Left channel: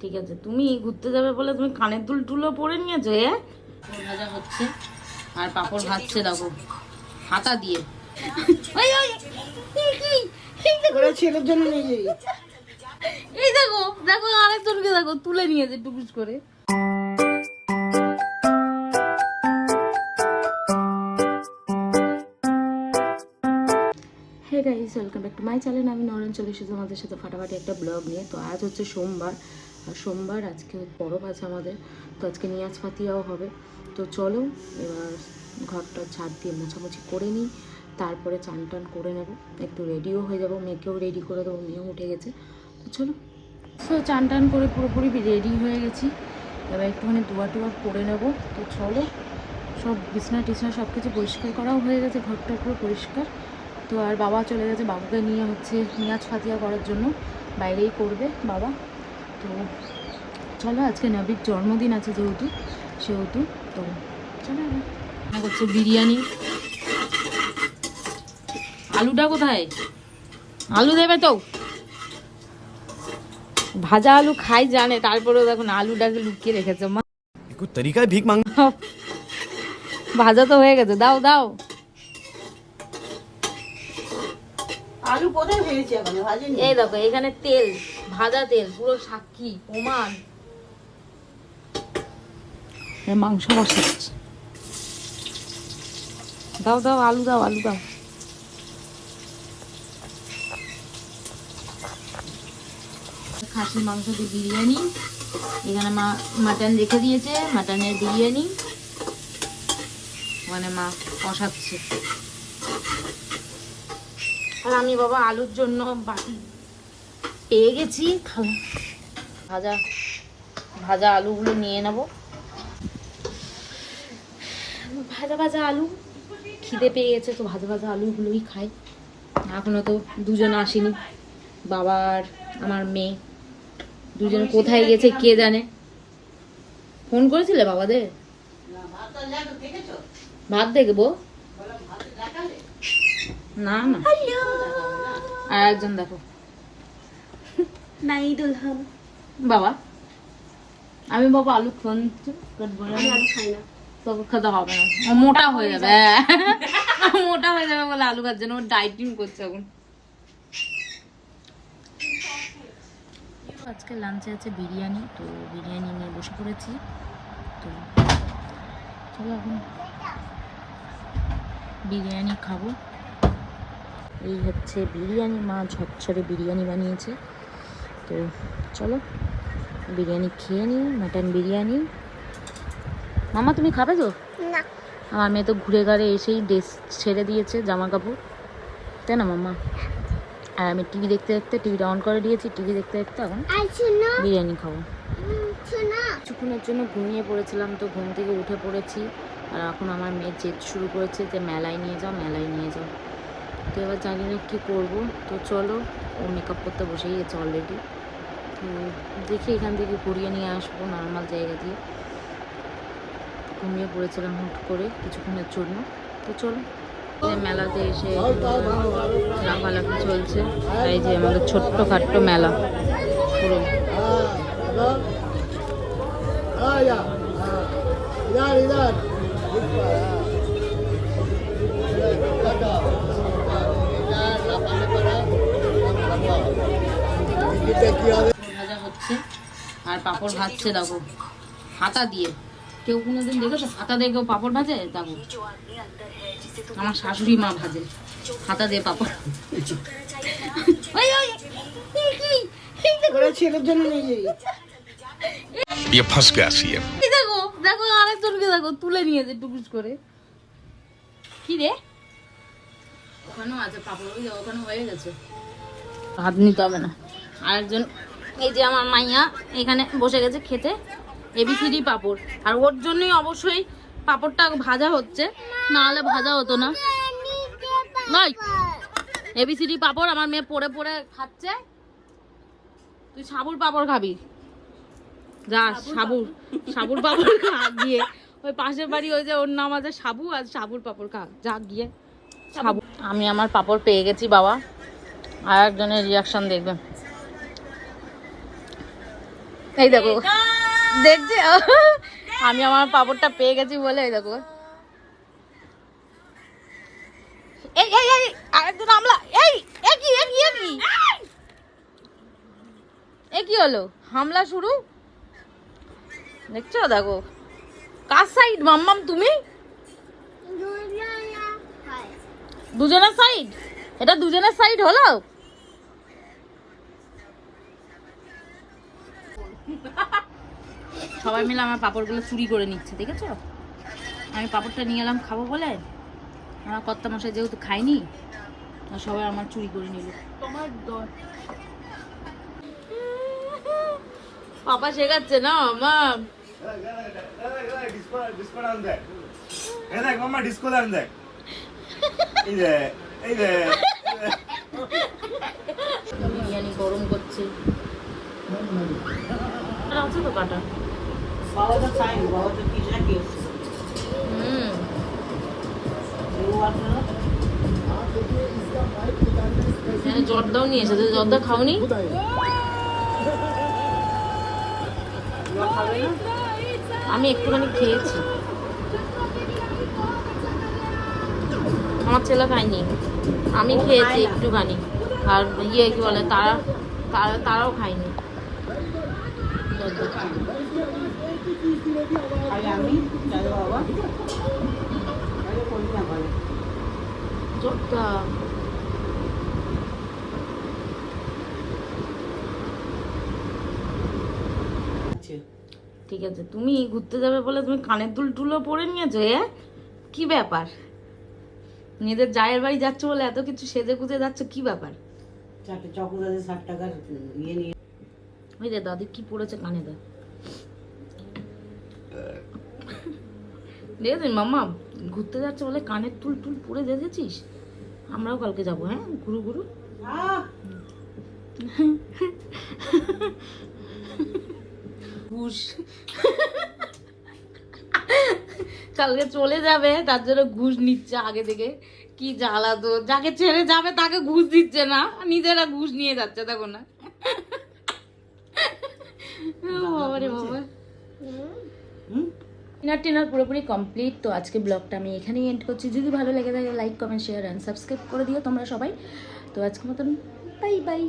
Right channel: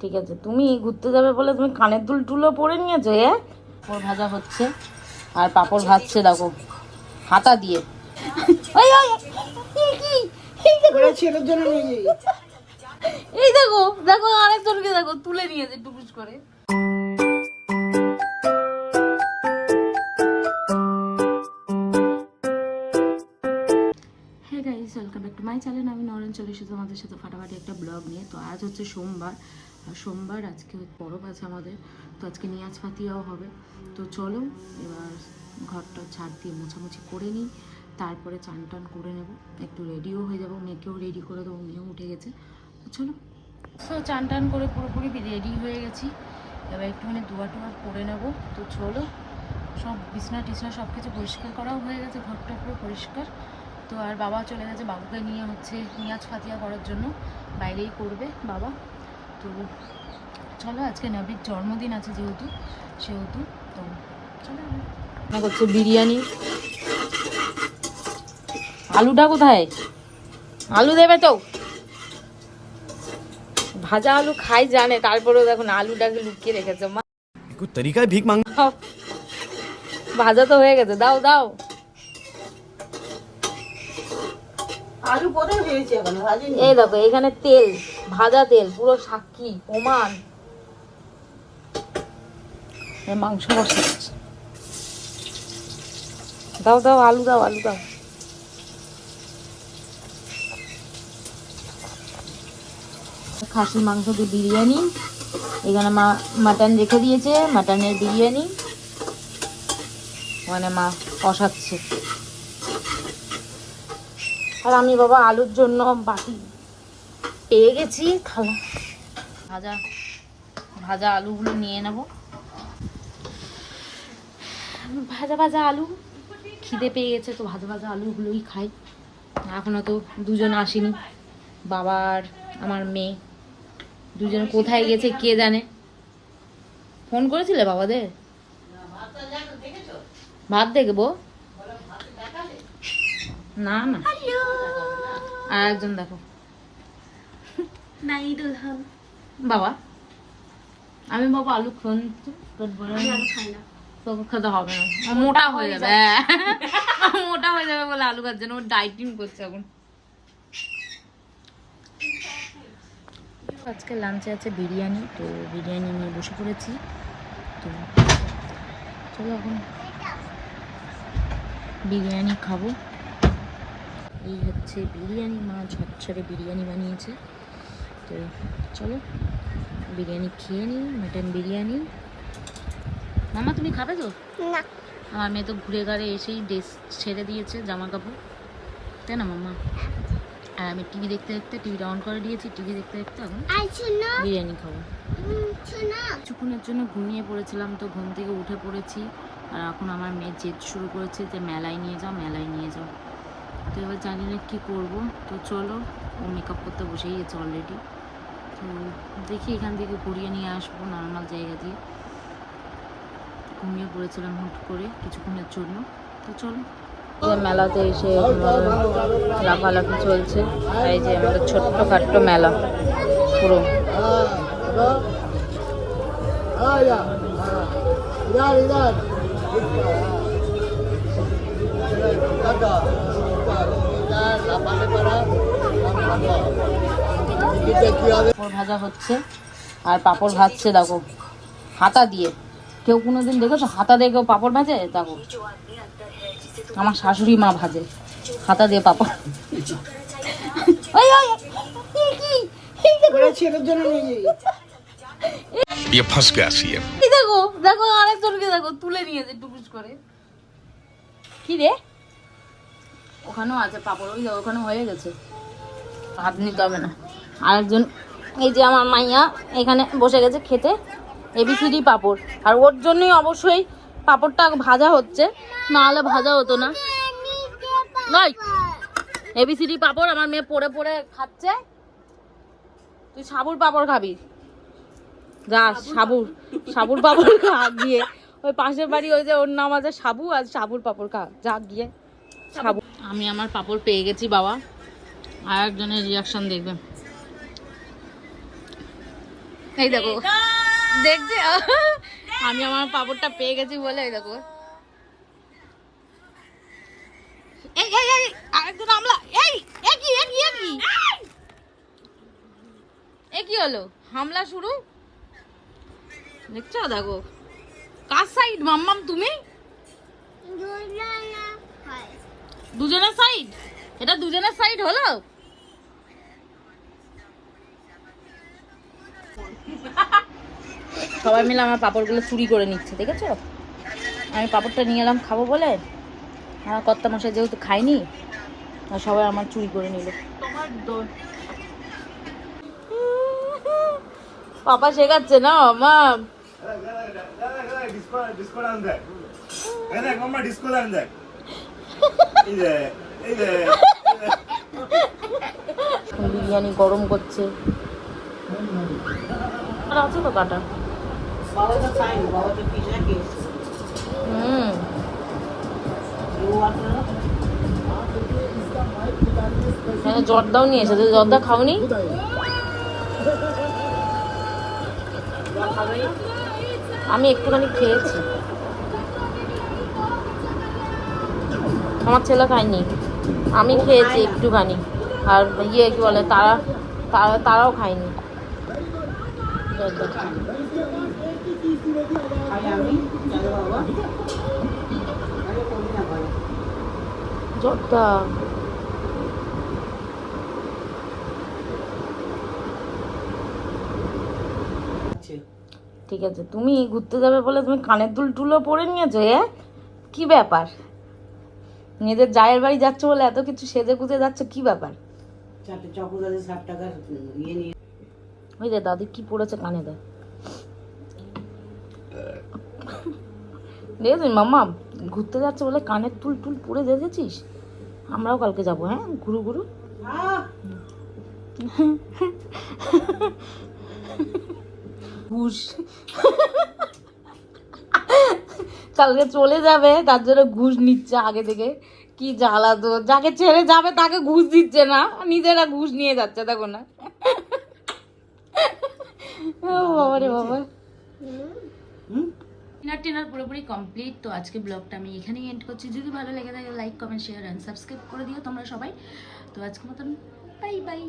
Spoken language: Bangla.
ঠিক আছে, তুমি ঘুরতে যাবে বলে তুমি কানের দুল টুলো পরে নিয়েছো। পাপড় ভাজা হচ্ছে আর পাপড় ভাজছে দেখো হাতা দিয়ে। ছেলের জন্য নিয়ে যাই। এই দেখো দেখো আরেকজনকে দেখো তুলে নিয়েছে টুকুস করে। Hey guys, welcome back to my channel. আমি নরেন চলে এসেছি আমাদের সাথে ফাটাফাটি একটা ব্লগ নিয়ে। তো আজ হচ্ছে সোমবার, আর সোমবার আজকে পরব আছে আমাদের। তো আজকে নিয়াজ ফাতিয়াও হবে। তো চলো এবার ঘরটা ঝাড় দিয়ে মোছামুছি করে নিই, তারপরে চান টান করে নেব, একটু রেডিও হয়ে যাবো, মেয়েকেও রেডি করে দেবো, মেয়েও উঠে গেছে। তো চলো, তো চান টান করে পুরোপুরি রেডি হয়ে গেছি, এবার একটুখানি ধোয়া টোয়া করে নেব। তো চলো, সব বিছনা টিছনা সব কিছু পরিষ্কার করাও হয়ে গেছে, ঘরটা পুরো পরিষ্কার। তো আর বাবা চলে গেছে, বাবুকে নিয়ে হচ্ছে নিয়াজ ফাতিয়া করার জন্য, বাইরেই করবে বাবা। তো চলো, আজকে নবীর জন্মদিন আছে সেহেতু তো চলো। না করছে বিরিয়ানি। আলুটা কোথায়? আলু দেবে তো? ভাজা আলু খাই জানে, তারপরেও দেখুন আলুটাকে লুকিয়ে রেখেছে মা। তরিকায় ভিক মাং। ভাজা তো হয়ে গেছে, দাও দাও। আলু কোথায় ভেজেছি এখন ভাজিনি। এই দেখো এখানে তেল, ভাজা তেল পুরো সাক্ষী প্রমাণ। মাংস বসাচ্ছি, দাও দাও আলু দাও, আলু দাও। খাসির মাংস দিয়ে বিরিয়ানি, এখানে মা মাটন রেখে দিয়েছে, মাটনের বিরিয়ানি মানে মা কষাচ্ছে। আর আমি বাবা আলুর জন্য বাটি পেয়ে গেছি, খাওয়া ভাজা ভাজা আলুগুলো নিয়ে নেব। ভাজা ভাজা আলু খিদে পেয়ে গেছে, তো ভাজা ভাজা আলুগুলোই খাই। এখনো তো দুজন আসেনি, বাবা আর আমার মেয়ে দুজন কোথায় গেছে কে জানে। ফোন করেছিলে বাবাদের? ভাত দেখবো না না। আর একজন দেখো বাবা, আমি বাবা আলু আলু খাই না, তোকে খেতে হবে না, মোটা হয়ে যাবে। মোটা হয়ে যাবে বলে আলু খাচ্ছে না, ও ডাইটিং করছে এখন। আজকে লাঞ্চে আছে বিরিয়ানি, তো বিরিয়ানি নিয়ে বসে পড়েছি। তো চলো এখন বিরিয়ানি খাবো। এই হচ্ছে বিরিয়ানি, মা ঝরঝরে বিরিয়ানি বানিয়েছে। তো চলো বিরিয়ানি খেয়ে নিই, মাটন বিরিয়ানি। মামা তুমি খাবে তো? না। আমার মেয়ে তো ঘুরে ঘাড়ে এসেই ড্রেস ছেড়ে দিয়েছে, জামা কাপড়, তাই না মামা? আর আমি টিভি দেখতে দেখতে টিভিটা অন করে দিয়েছি, টিভি দেখতে দেখতে এখন বিরিয়ানি খাবো। কিছুক্ষণের জন্য ঘুমিয়ে পড়েছিলাম, তো ঘুম থেকে উঠে পড়েছি। আর এখন আমার মেয়ে জেদ শুরু করেছে যে মেলায় নিয়ে যাও, মেলায় নিয়ে যাও। তো এবার জানি না কী করবো। তো চলো, ও মেকআপ করতে বসেই গেছে অলরেডি। তো দেখি এখান থেকে ঘুরিয়ে নিয়ে আসবো নর্মাল জায়গা দিয়ে। ঘুমিয়ে পড়েছিলাম হুট করে কিছুক্ষণের জন্য। তো চলো, মেলাতে এসে লাফালাফি চলছে। এই যে আমাদের ছোট্টখাট্ট মেলা পুরো। পাপড় ভাজা হচ্ছে আর পাপড় ভাজছে দেখো হাতা দিয়ে। কেউ কোনোদিন দেখেছো হাতা দিয়ে কেউ পাপড় ভাজে? দেখো আমার শাশুড়ি মা ভাজে হাতা দিয়ে পাপড়। ছেলের জন্য নিয়ে যাই। দেখো দেখো আরেকজনকে দেখো তুলে নিয়েছে টুকুস করে। কি রে, ওখানেও আছে পাপড়, ওই ওখানে হয়ে গেছে, হাত নিতে হবে না। আরেকজন এই যে আমার মাইয়া এখানে বসে গেছে খেতে, এবিসিডি পাপড়। আর ওর জন্যই অবশ্যই পাপড়টা ভাজা হচ্ছে, না হলে ভাজা হতো না। নয় এবিসিডি পাপড় আমার মেয়ে পড়ে পড়ে খাচ্ছে। তুই সাবুর পাপড় খাবি? যা সাবুর পাপড় খা গিয়ে। ওই পাশের বাড়ি ওই যে ওর নাম আছে সাবু, আর সাবুর পাপড় খা যা গিয়ে সাবু। আমি আমার পাপড় পেয়ে গেছি বাবা, আর একজনের রিয়াকশন দেখবেন। এই দেখো দেখছি আমি আমার পাপড়টা পেয়ে গেছি বলে এই দেখো এই এই এই আরেকজন আমলা এই কি এ কি হলো হামলা শুরু দেখছো দেখো কার সাইড মাম্মাম তুমি দুজনের সাইড এটা দুজনের সাইড হলো সবাই মিলে আমার পাপড়গুলো চুরি করে নিচ্ছে দেখেছো আমি পাপড়টা নিয়ে এলাম খাবো বলে আমার কর্তা মশাই যেহেতু খাইনি আর সবাই আমার চুরি করে নিল পাপা শেখাচ্ছে না মা বিরিয়ানি গরম করছে আর আছে তো কাটা বাবা তো খায়নি, বাবা তো পিজা খেয়েছে। হ্যাঁ জর্দাও নিয়ে এসেছে জর্দা খাওনি আমি একটুখানি খেয়েছি আমার ছেলে খায়নি আমি খেয়েছি একটুখানি আর ইয়ে কি বলে তারাও খায়নি আর আমি জানো বাবা আরে কোনদিন না ভালো জর্দা ঠিক আছে তুমি ঘুরতে যাবে বলে তুমি কানের দুল টুলও পরে নিয়েছো কি ব্যাপার নিজেদের জায়ের বাড়ি যাচ্ছ বলে এত কিছু সেজে গুজে যাচ্ছ কি ব্যাপার 4 চকোলেটে 60 টাকার ইয়ে নিয়ে ওই যে দাদি কি পড়েছে কানে দেয় দেখেছিস মাম্মা ঘুরতে যাচ্ছে বলে কানের টুল টুল পরে দেখেছিস আমরাও কালকে যাবো হ্যাঁ ঘুরু ঘুরু ঘুষ কালকে চলে যাবে তার জন্য ঘুষ নিচ্ছে আগে থেকে কি জ্বালা তো যাকে ছেড়ে যাবে তাকে ঘুষ দিচ্ছে না নিজেরা ঘুষ নিয়ে যাচ্ছে দেখো না বাবা রে বাবা ডিনার পুরোপুরি কমপ্লিট তো আজকে ব্লগটা আমি এখানেই এন্ড করছি যদি ভালো লেগে থাকে like comment share and subscribe করে দিও তোমরা সবাই তো আজকের মতন বাই বাই